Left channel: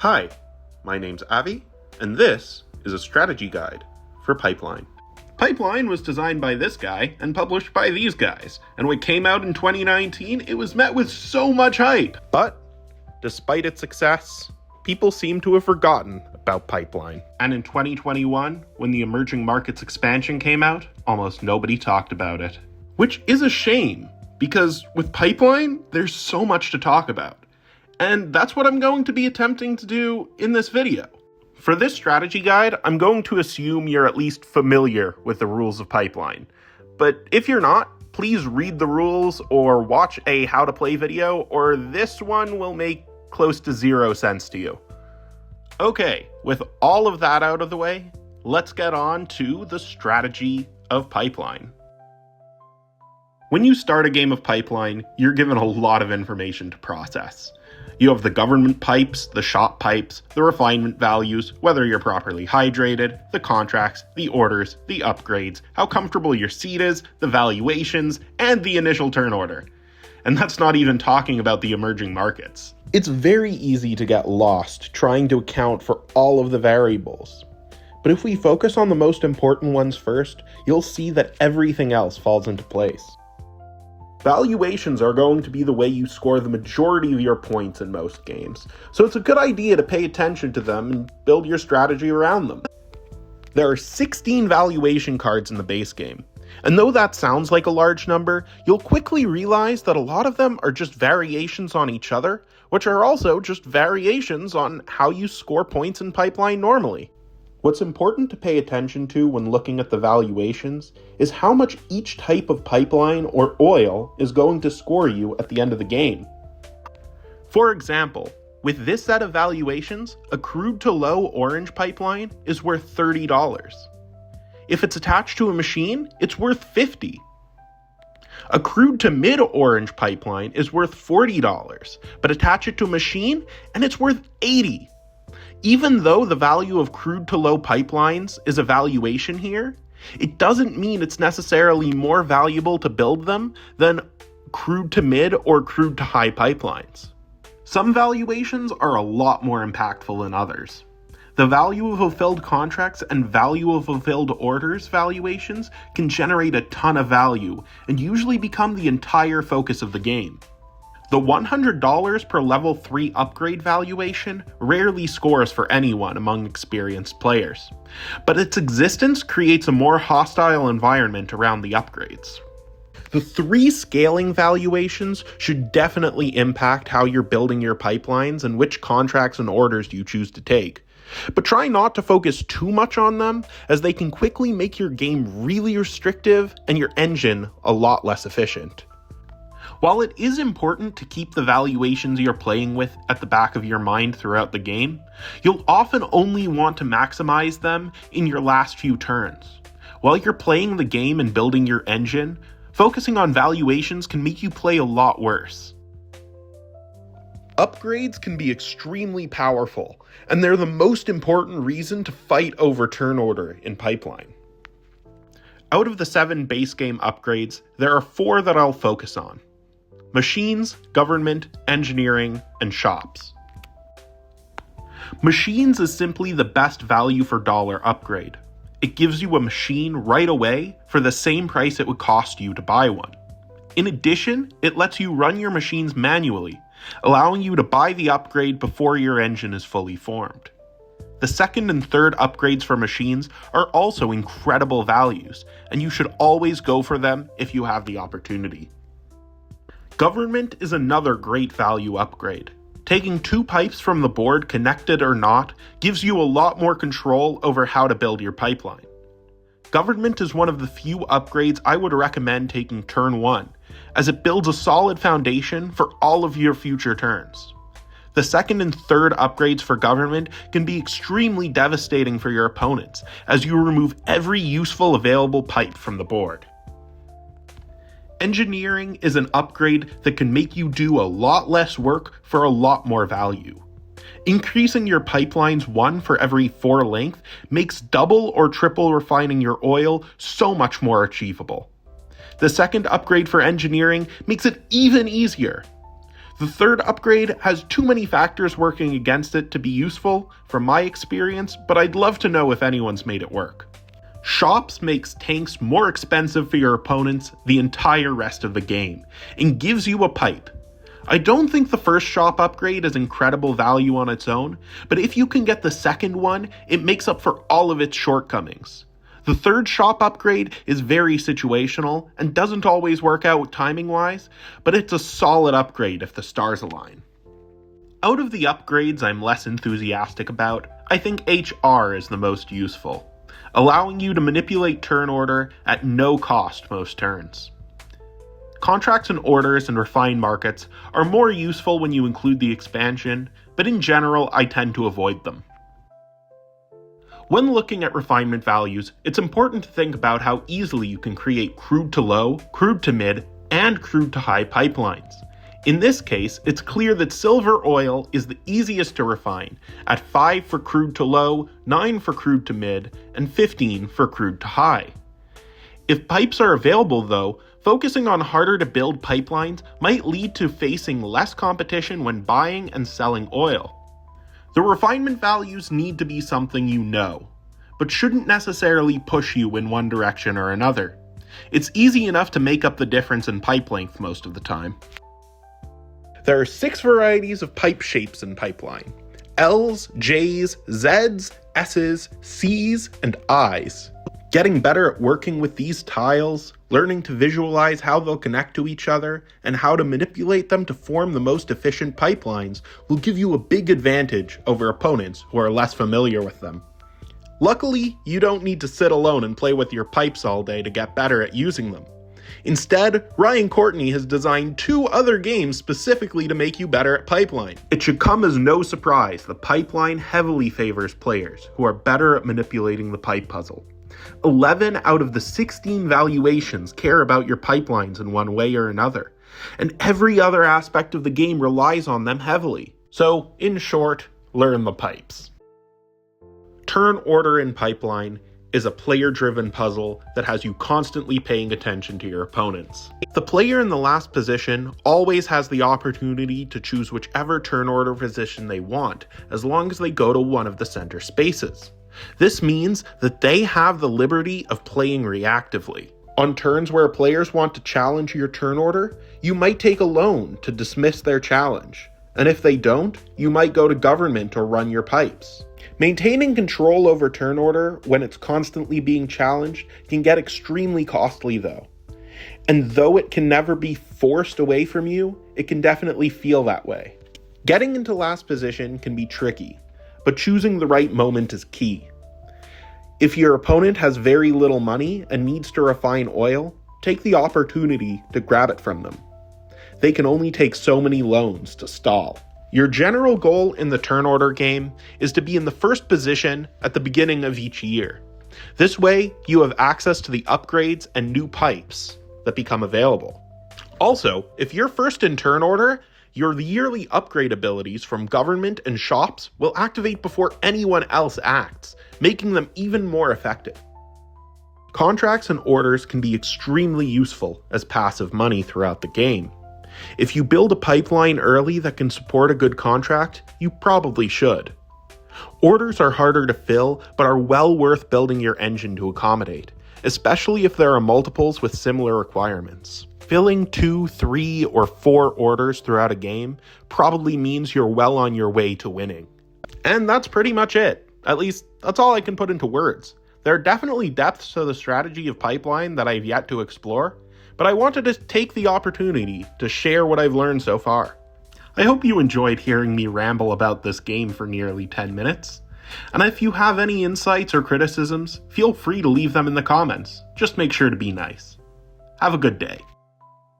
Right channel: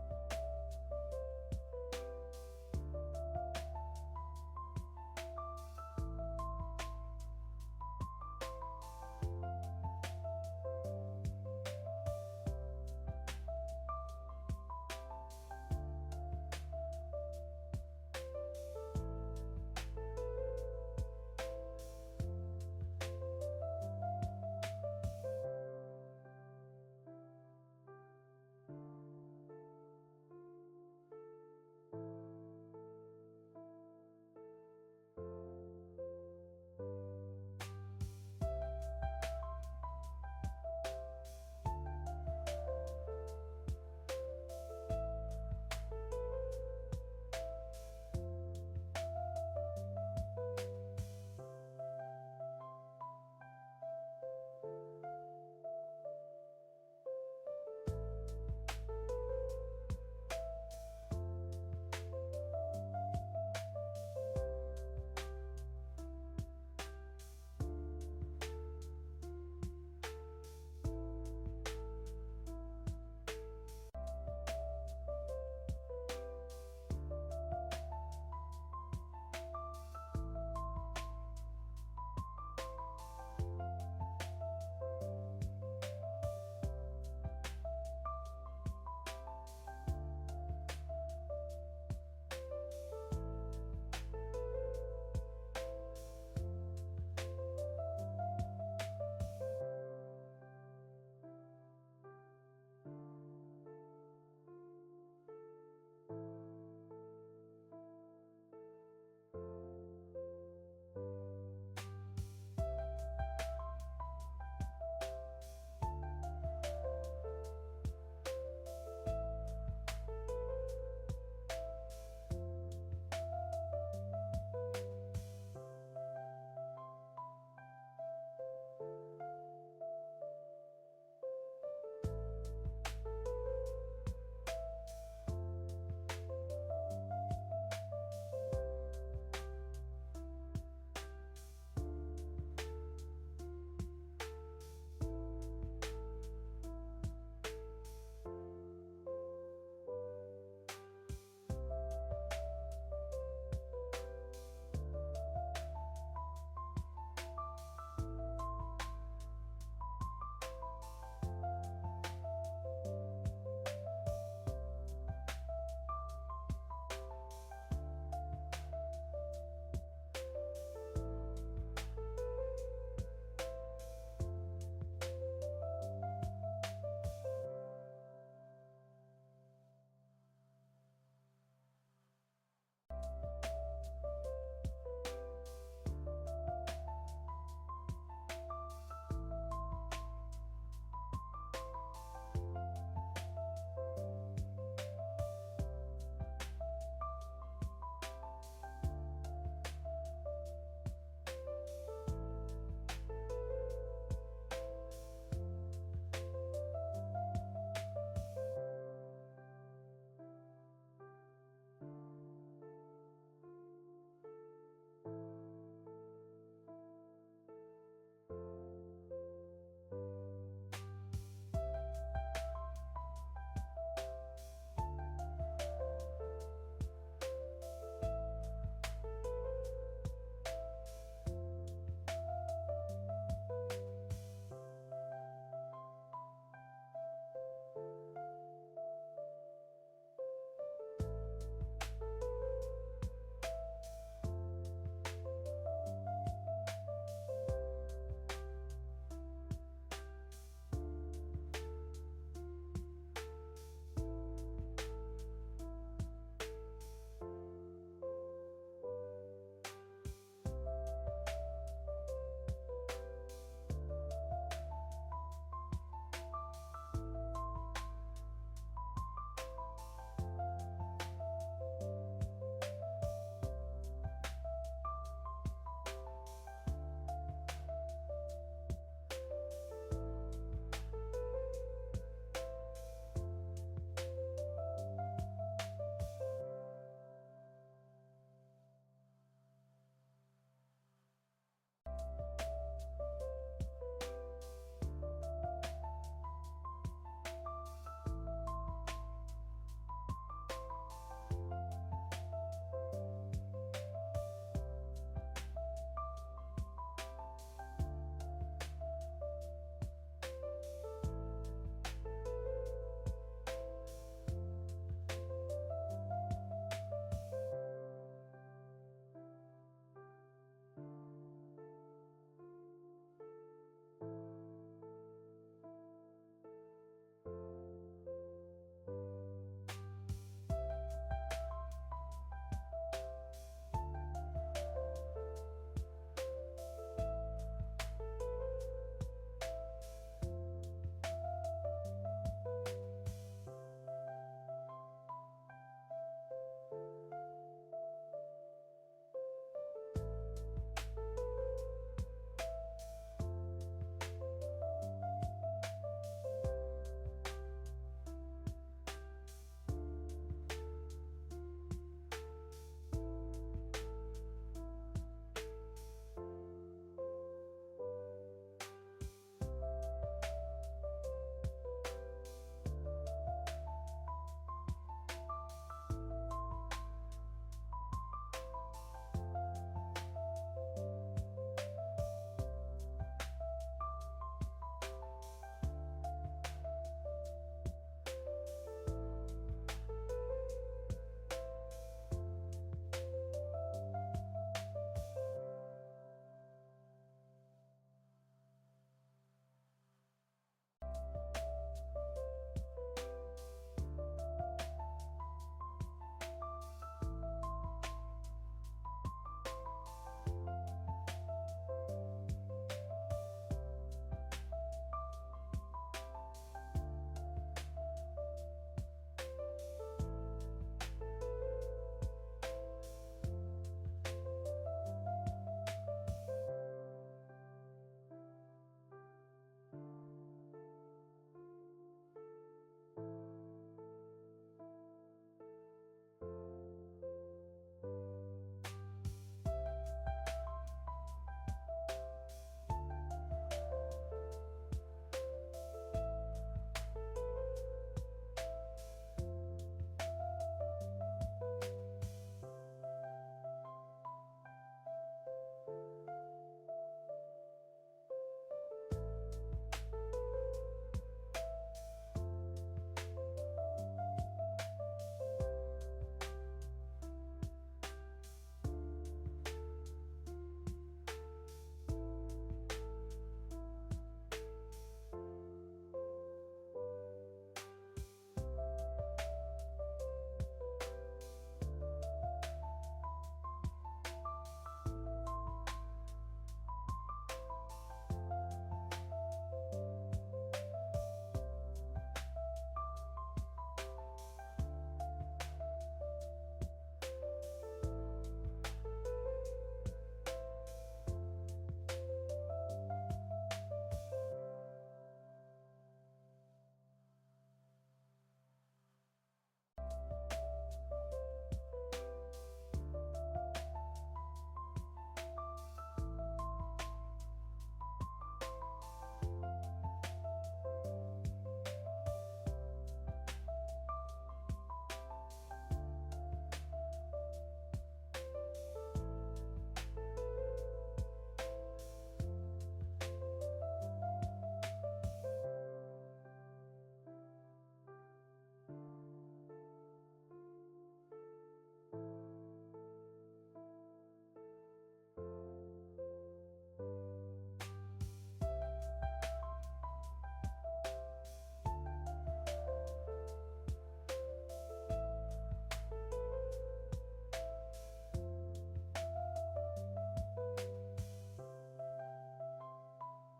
Hi, my name's Avi, and this is a strategy guide for Pipeline. Pipeline was designed by this guy and published by these guys, and when it came out in 2019, it was met with so much hype. But, despite its success, people seem to have forgotten about Pipeline. And in 2021, when the emerging markets expansion came out, almost nobody talked about it. Which is a shame, because with Pipeline, there's so much to talk about. And that's what I'm going to be attempting to do in this video. For this strategy guide, I'm going to assume you're at least familiar with the rules of Pipeline. But if you're not, please read the rules or watch a how to play video, or this one will make close to zero sense to you. Okay, with all of that out of the way, let's get on to the strategy of Pipeline. When you start a game of Pipeline, you're given a lot of information to process. You have the government pipes, the shop pipes, the refinement values, whether you're properly hydrated, the contracts, the orders, the upgrades, how comfortable your seat is, the valuations, and the initial turn order. And that's not even talking about the emerging markets. It's very easy to get lost trying to account for all of the variables. But if we focus on the most important ones first, you'll see that everything else falls into place. Valuations are going to be the way you score the majority of your points in most games, so it's a good idea to pay attention to them and build your strategy around them. There are 16 valuation cards in the base game, and though that sounds like a large number, you'll quickly realize that a lot of them are just variations on each other, which are also just variations on how you score points in Pipeline normally. What's important to pay attention to when looking at the valuations is how much each type of pipeline or oil is going to score you at the end of the game. For example, with this set of valuations, a crude to low orange pipeline is worth $30. If it's attached to a machine, it's worth $50. A crude to mid orange pipeline is worth $40, but attach it to a machine and it's worth $80. Even though the value of crude to low pipelines is a valuation here, it doesn't mean it's necessarily more valuable to build them than crude to mid or crude to high pipelines. Some valuations are a lot more impactful than others. The value of fulfilled contracts and value of fulfilled orders valuations can generate a ton of value and usually become the entire focus of the game. The $100 per level 3 upgrade valuation rarely scores for anyone among experienced players, but its existence creates a more hostile environment around the upgrades. The 3 scaling valuations should definitely impact how you're building your pipelines and which contracts and orders you choose to take, but try not to focus too much on them, as they can quickly make your game really restrictive and your engine a lot less efficient. While it is important to keep the valuations you're playing with at the back of your mind throughout the game, you'll often only want to maximize them in your last few turns. While you're playing the game and building your engine, focusing on valuations can make you play a lot worse. Upgrades can be extremely powerful, and they're the most important reason to fight over turn order in Pipeline. Out of the 7 base game upgrades, there are 4 that I'll focus on: machines, government, engineering, and shops. Machines is simply the best value for dollar upgrade. It gives you a machine right away for the same price it would cost you to buy one. In addition, it lets you run your machines manually, allowing you to buy the upgrade before your engine is fully formed. The second and third upgrades for machines are also incredible values, and you should always go for them if you have the opportunity. Government is another great value upgrade. Taking 2 pipes from the board, connected or not, gives you a lot more control over how to build your pipeline. Government is one of the few upgrades I would recommend taking turn 1, as it builds a solid foundation for all of your future turns. The second and third upgrades for government can be extremely devastating for your opponents, as you remove every useful available pipe from the board. Engineering is an upgrade that can make you do a lot less work for a lot more value. Increasing your pipelines 1 for every 4 length makes double or triple refining your oil so much more achievable. The second upgrade for engineering makes it even easier. The third upgrade has too many factors working against it to be useful from my experience, but I'd love to know if anyone's made it work. Shops makes tanks more expensive for your opponents the entire rest of the game, and gives you a pipe. I don't think the first shop upgrade is incredible value on its own, but if you can get the second one, it makes up for all of its shortcomings. The third shop upgrade is very situational and doesn't always work out timing-wise, but it's a solid upgrade if the stars align. Out of the upgrades I'm less enthusiastic about, I think HR is the most useful, allowing you to manipulate turn order at no cost most turns. Contracts and orders and refined markets are more useful when you include the expansion, but in general I tend to avoid them. When looking at refinement values, it's important to think about how easily you can create crude to low, crude to mid, and crude to high pipelines. In this case, it's clear that silver oil is the easiest to refine, at 5 for crude to low, 9 for crude to mid, and 15 for crude to high. If pipes are available though, focusing on harder to build pipelines might lead to facing less competition when buying and selling oil. The refinement values need to be something you know, but shouldn't necessarily push you in one direction or another. It's easy enough to make up the difference in pipe length most of the time. There are 6 varieties of pipe shapes in pipeline: L's, J's, Z's, S's, C's, and I's. Getting better at working with these tiles, learning to visualize how they'll connect to each other, and how to manipulate them to form the most efficient pipelines will give you a big advantage over opponents who are less familiar with them. Luckily, you don't need to sit alone and play with your pipes all day to get better at using them. Instead, Ryan Courtney has designed 2 other games specifically to make you better at Pipeline. It should come as no surprise that Pipeline heavily favors players who are better at manipulating the pipe puzzle. 11 out of the 16 valuations care about your pipelines in one way or another, and every other aspect of the game relies on them heavily. So, in short, learn the pipes. Turn order in Pipeline is a player-driven puzzle that has you constantly paying attention to your opponents. The player in the last position always has the opportunity to choose whichever turn order position they want, as long as they go to one of the center spaces. This means that they have the liberty of playing reactively. On turns where players want to challenge your turn order, you might take a loan to dismiss their challenge, and if they don't, you might go to government or run your pipes. Maintaining control over turn order when it's constantly being challenged can get extremely costly though. And though it can never be forced away from you, it can definitely feel that way. Getting into last position can be tricky, but choosing the right moment is key. If your opponent has very little money and needs to refine oil, take the opportunity to grab it from them. They can only take so many loans to stall. Your general goal in the turn order game is to be in the first position at the beginning of each year. This way, you have access to the upgrades and new pipes that become available. Also, if you're first in turn order, your yearly upgrade abilities from government and shops will activate before anyone else acts, making them even more effective. Contracts and orders can be extremely useful as passive money throughout the game. If you build a pipeline early that can support a good contract, you probably should. Orders are harder to fill, but are well worth building your engine to accommodate, especially if there are multiples with similar requirements. Filling 2, 3, or 4 orders throughout a game probably means you're well on your way to winning. And that's pretty much it. At least, that's all I can put into words. There are definitely depths to the strategy of Pipeline that I've yet to explore, but I wanted to take the opportunity to share what I've learned so far. I hope you enjoyed hearing me ramble about this game for nearly 10 minutes. And if you have any insights or criticisms, feel free to leave them in the comments. Just make sure to be nice. Have a good day.